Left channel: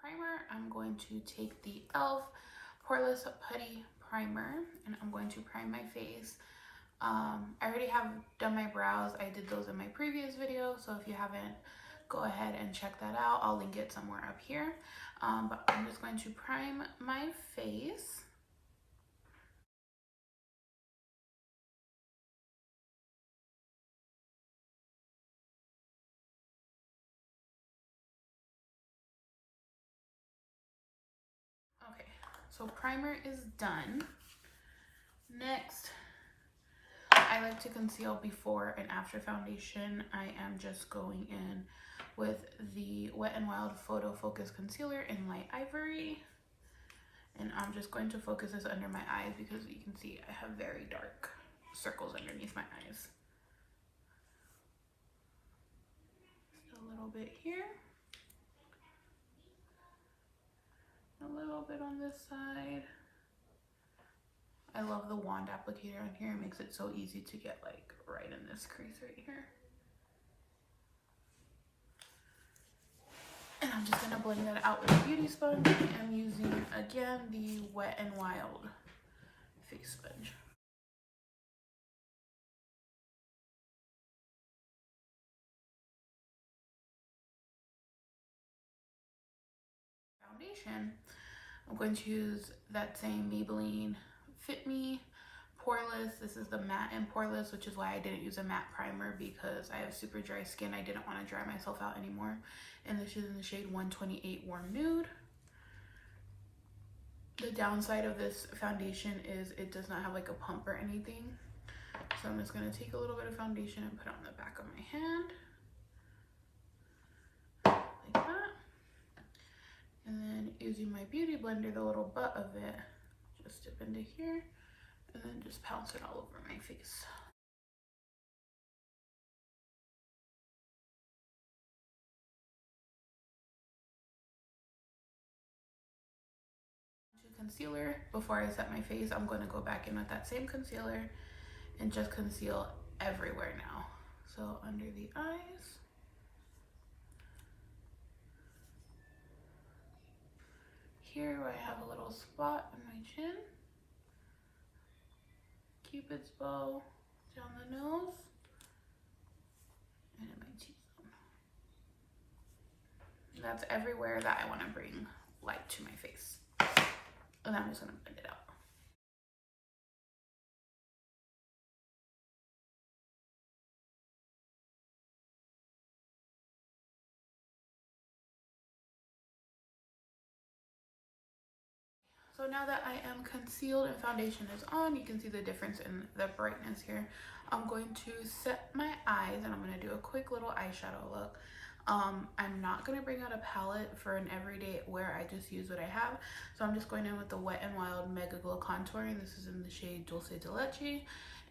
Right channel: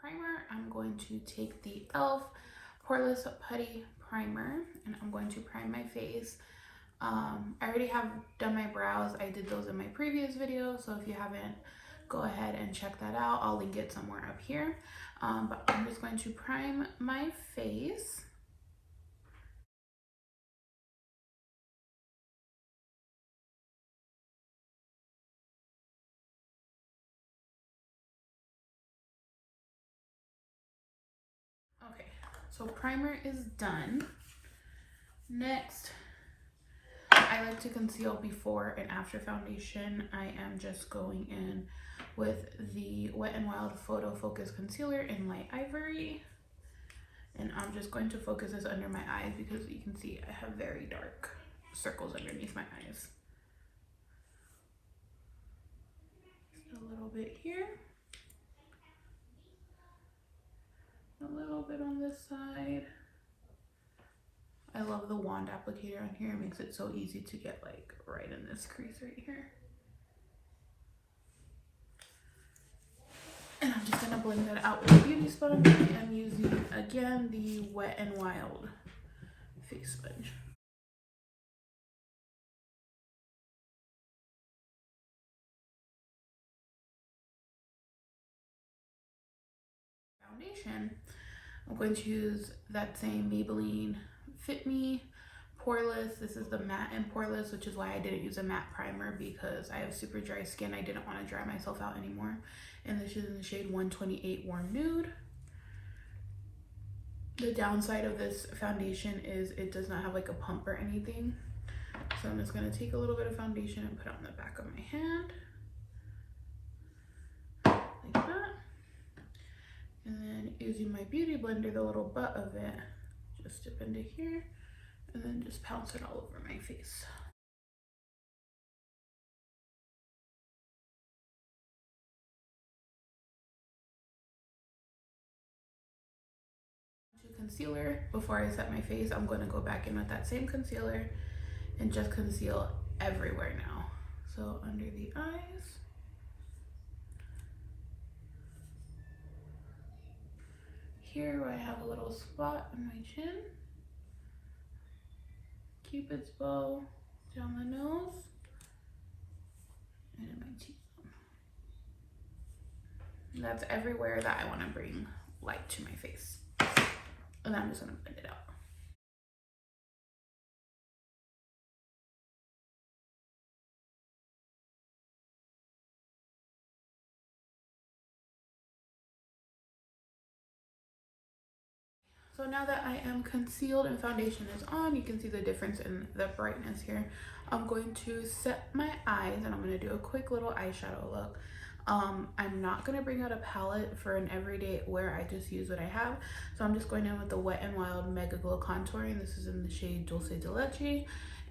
primer, I'm going to take the e.l.f. Poreless Putty Primer, and I'm going to prime my face. I already have done my brows. I did those in my previous video, so if you haven't, go ahead and check that out. I'll link it somewhere up here. But I'm just going to prime my face. Okay, so primer is done. Next, I like to conceal before and after foundation. I am just going in with the Wet n Wild Photo Focus Concealer in Light Ivory. And I'm just going to focus this under my eyes because you can see I have very dark circles underneath my eyes. Just a little bit here. A little bit on this side. I love the wand applicator on here. It makes it so easy to get like right in this crease right here. And I'm just gonna blend that out with a beauty sponge. I'm using again the Wet n Wild face sponge. Foundation, I'm going to use that same Maybelline FITME Poreless. This is the matte and poreless, which is why I didn't use a matte primer because I have super dry skin. I didn't want to dry myself out anymore. And this is in the shade 128 Warm Nude. The downside of this foundation is it does not have like a pump or anything. So I'm just going to take a little bit of foundation and put it on the back of my hand. Like that. And then using my beauty blender, the little butt of it, just dip into here and then just pounce it all over my face. Concealer, before I set my face, I'm going to go back in with that same concealer and just conceal everywhere now. So under the eyes, here where I have a little spot on my chin, Cupid's bow down the nose, and in my cheekbone. That's everywhere that I want to bring light to my face. And I'm just going to blend it out. So now that I am concealed and foundation is on, you can see the difference in the brightness here. I'm going to set my eyes and I'm going to do a quick little eyeshadow look. I'm not going to bring out a palette for an everyday wear. I just use what I have. So I'm just going in with the Wet n Wild Mega Glow Contouring. This is in the shade Dulce de Leche.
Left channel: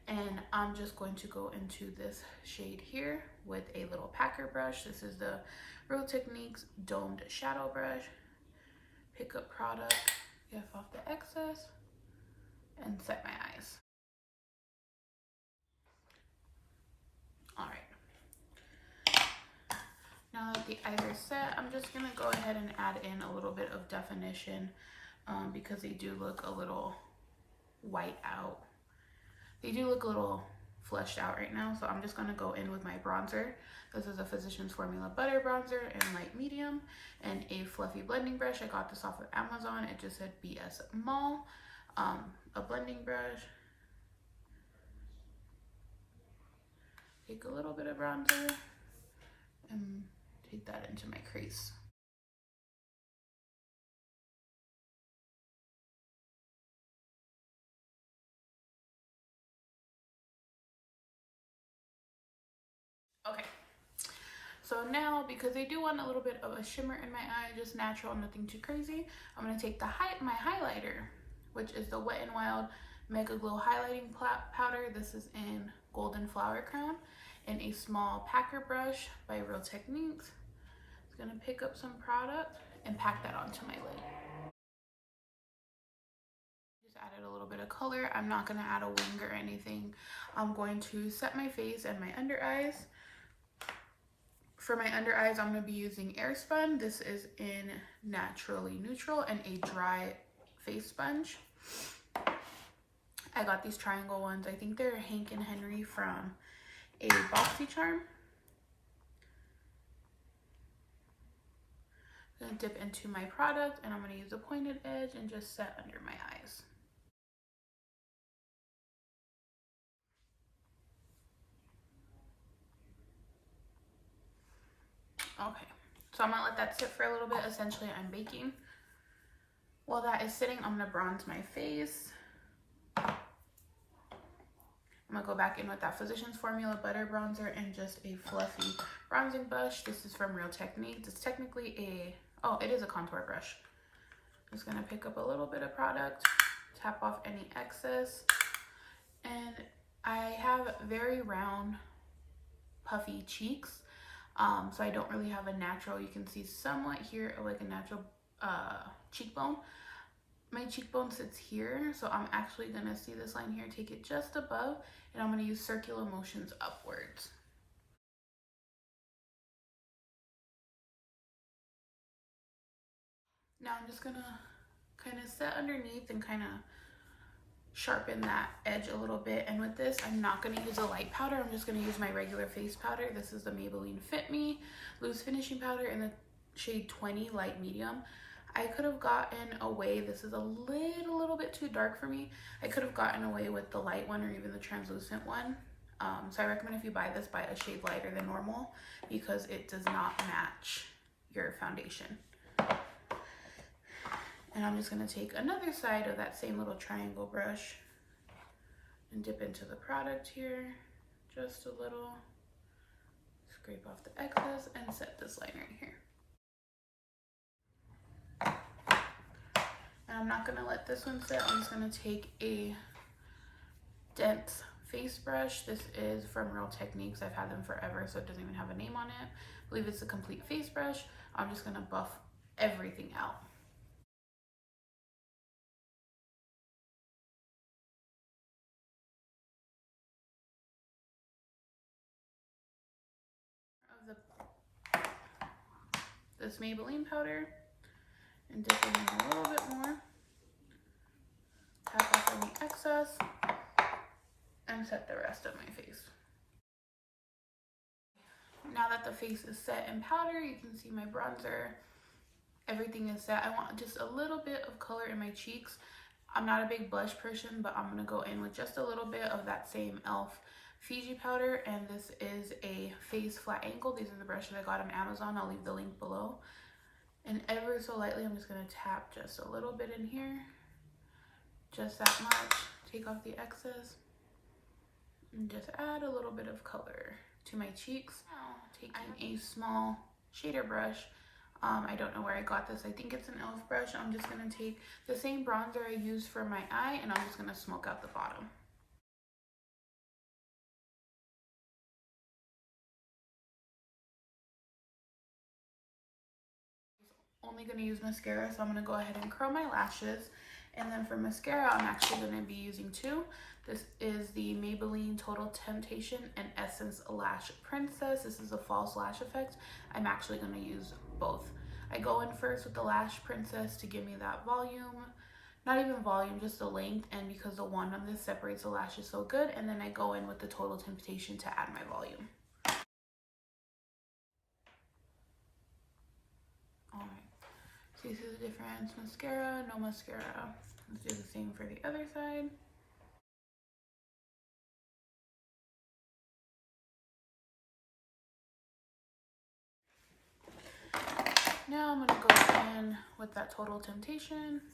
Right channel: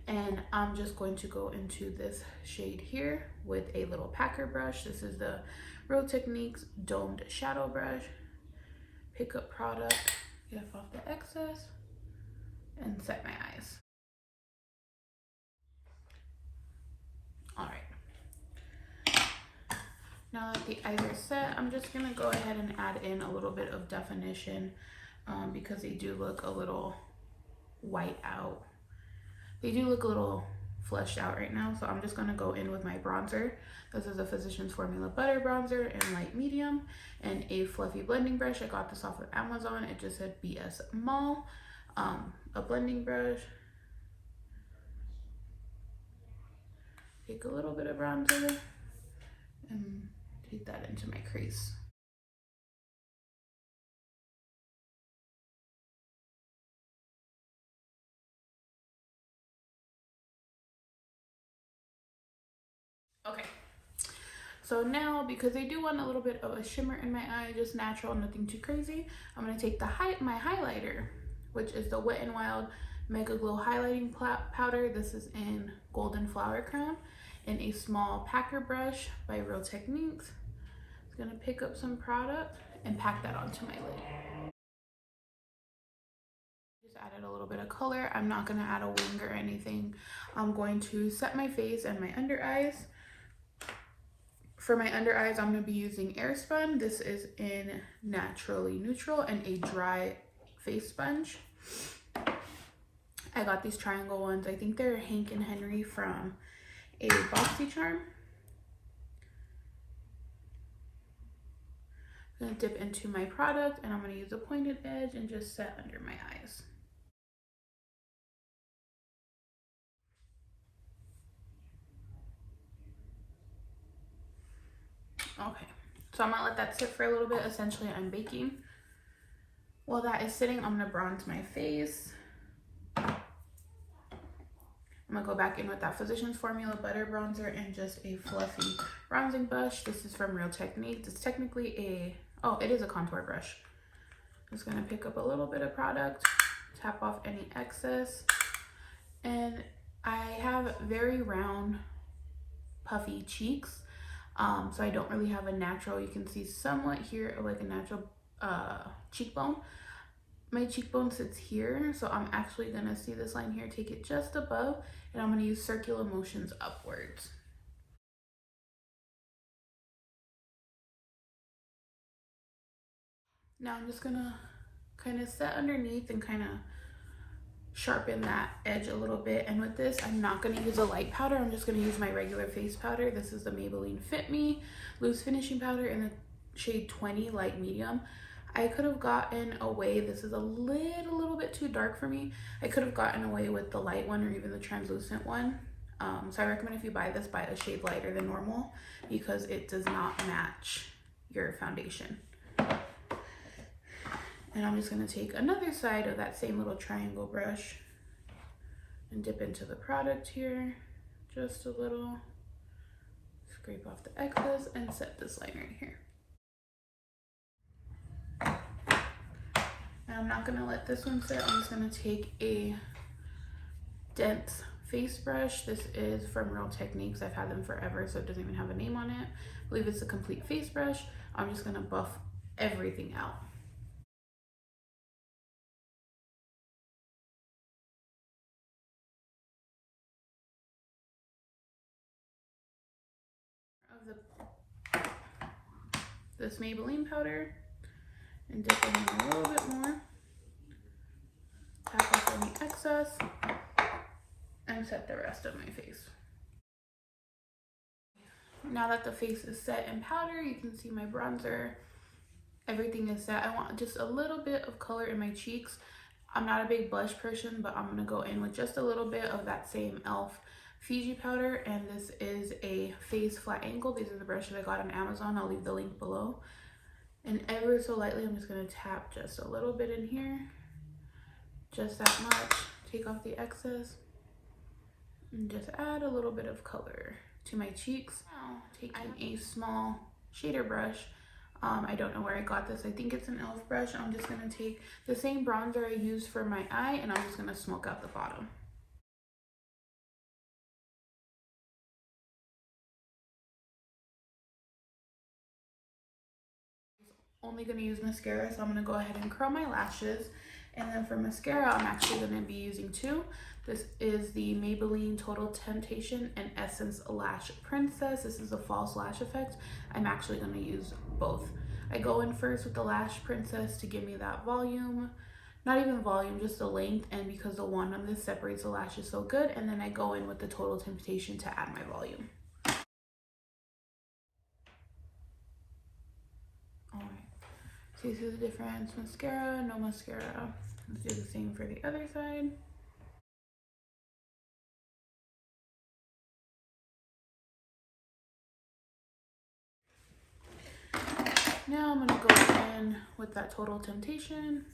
And I'm just going to go into this shade here with a little packer brush. This is the Real Techniques Domed Shadow Brush. Pick up product, get off the excess, and set my eyes. All right. Now that the eyes are set, I'm just gonna go ahead and add in a little bit of definition because they do look a little white out. They do look a little fleshed out right now, so I'm just gonna go in with my bronzer. This is a Physicians Formula Butter Bronzer in light medium and a fluffy blending brush. I got this off of Amazon. It just said BS Mall. A blending brush. Take a little bit of bronzer and take that into my crease. Okay, so now because I do want a little bit of a shimmer in my eye, just natural, nothing too crazy, I'm going to take my highlighter, which is the Wet n Wild Mega Glow Highlighting Powder. This is in Golden Flower Crown, and a small packer brush by Real Techniques. I'm going to pick up some product and pack that onto my lid. Just added a little bit of color. I'm not going to add a wing or anything. I'm going to set my face and my under eyes. For my under eyes, I'm going to be using AIRSPUN. This is in Naturally Neutral and a dry face sponge. I got these triangle ones. I think they're Hank and Henry from a BoxyCharm. I'm going to dip into my product and I'm going to use a pointed edge and just set under my eyes. Okay, so I'm going to let that sit for a little bit. Essentially, I'm baking. While that is sitting, I'm going to bronze my face. I'm going to go back in with that Physicians Formula Butter Bronzer and just a fluffy bronzing brush. This is from Real Techniques. It's technically it is a contour brush. I'm just going to pick up a little bit of product, tap off any excess. And I have very round, puffy cheeks. So I don't really have a natural, you can see somewhat here, like a natural cheekbone. My cheekbone sits here, so I'm actually gonna see this line here, take it just above, and I'm gonna use circular motions upwards. Now I'm just gonna kind of set underneath and kind of sharpen that edge a little bit. And with this, I'm not gonna use a light powder, I'm just gonna use my regular face powder. This is the Maybelline FITME Loose Finishing Powder in the shade 20 Light Medium. I could have gotten away, this is a little bit too dark for me. I could have gotten away with the light one or even the translucent one. So I recommend if you buy this, buy a shade lighter than normal because it does not match your foundation. And I'm just gonna take another side of that same little triangle brush and dip into the product here, just a little. Scrape off the excess and set this line right here. And I'm not gonna let this one sit. I'm just gonna take a dense face brush. This is from Real Techniques. I've had them forever, so it doesn't even have a name on it. I believe it's a complete face brush. I'm just gonna buff everything out. Of this Maybelline powder and dip in a little bit more. Tap off any excess and set the rest of my face. Now that the face is set in powder, you can see my bronzer. Everything is set. I want just a little bit of color in my cheeks. I'm not a big blush person, but I'm gonna go in with just a little bit of that same e.l.f. Fiji powder, and this is a face flat angle. These are the brushes I got on Amazon. I'll leave the link below. And ever so lightly, I'm just gonna tap just a little bit in here. Just that much. Take off the excess and just add a little bit of color to my cheeks. Now, taking a small shader brush. I don't know where I got this. I think it's an e.l.f. brush. I'm just gonna take the same bronzer I used for my eye and I'm just gonna smoke out the bottom. Only gonna use mascara, so I'm gonna go ahead and curl my lashes. And then for mascara, I'm actually gonna be using two. This is the Maybelline Total Temptation and Essence Lash Princess. This is a false lash effect. I'm actually gonna use both. I go in first with the Lash Princess to give me that volume. Not even volume, just the length, and because the wand on this separates the lashes so good. And then I go in with the Total Temptation to add my volume. Alright, so you see the difference, mascara, no mascara. Let's do the same for the other side. Now I'm gonna go in with that Total Temptation.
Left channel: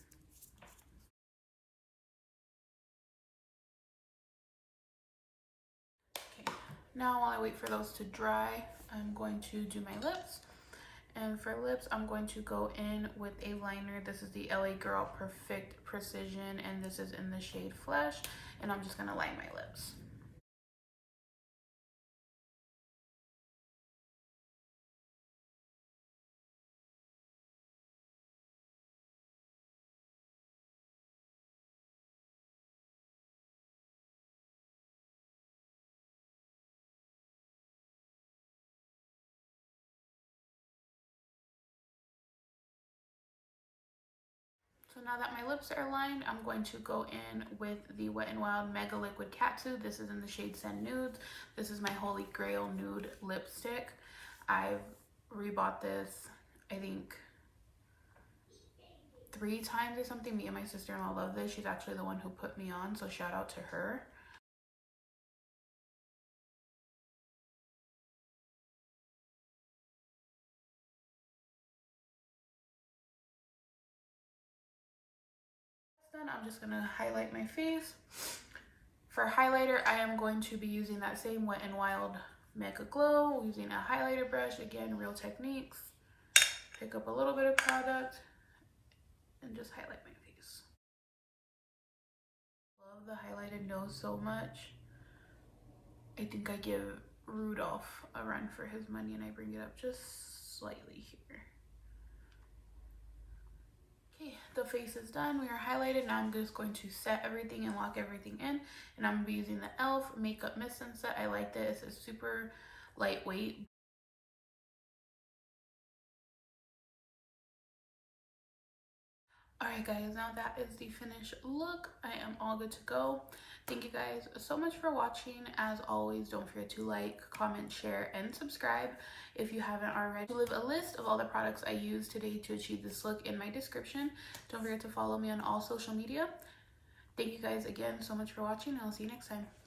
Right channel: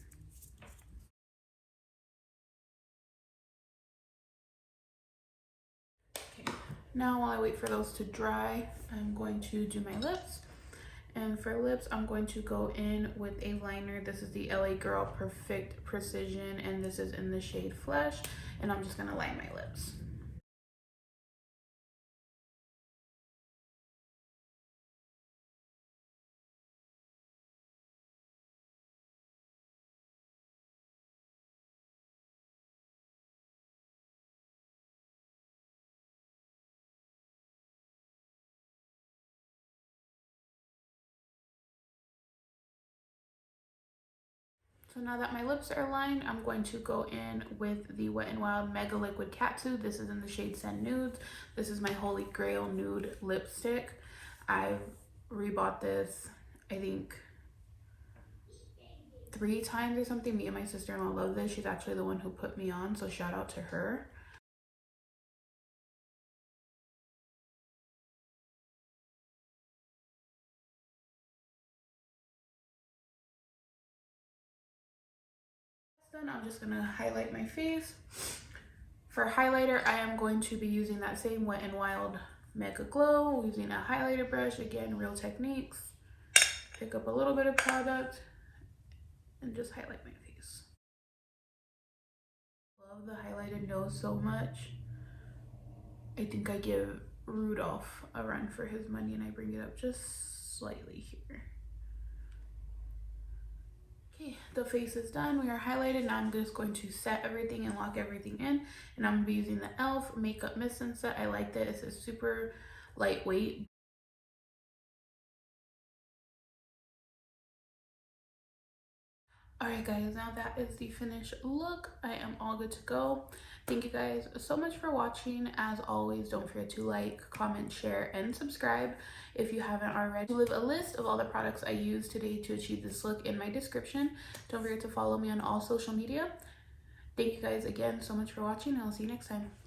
Okay. Now while I wait for those to dry, I'm going to do my lips. And for lips, I'm going to go in with a liner. This is the LA Girl Perfect Precision, and this is in the shade Flesh. And I'm just gonna line my lips. So now that my lips are lined, I'm going to go in with the Wet n Wild Mega Liquid Katsu. This is in the shade Sand Nudes. This is my Holy Grail nude lipstick. I've rebought this, I think, 3 times or something. Me and my sister-in-law love this. She's actually the one who put me on, so shout out to her. Then I'm just gonna highlight my face. For highlighter, I am going to be using that same Wet n Wild Mega Glow, using a highlighter brush. Again, Real Techniques. Pick up a little bit of product and just highlight my face. Love the highlighted nose so much. I think I give Rudolph a run for his money and I bring it up just slightly here. Okay, the face is done. We are highlighted. Now I'm just going to set everything and lock everything in. And I'm going to be using the e.l.f. Makeup Mist and Set. I like this. It's super lightweight. Alright guys, now that is the finished look. I am all good to go. Thank you guys so much for watching. As always, don't forget to like, comment, share, and subscribe if you haven't already. I'll leave a list of all the products I used today to achieve this look in my description. Don't forget to follow me on all social media. Thank you guys again so much for watching, and I'll see you next time.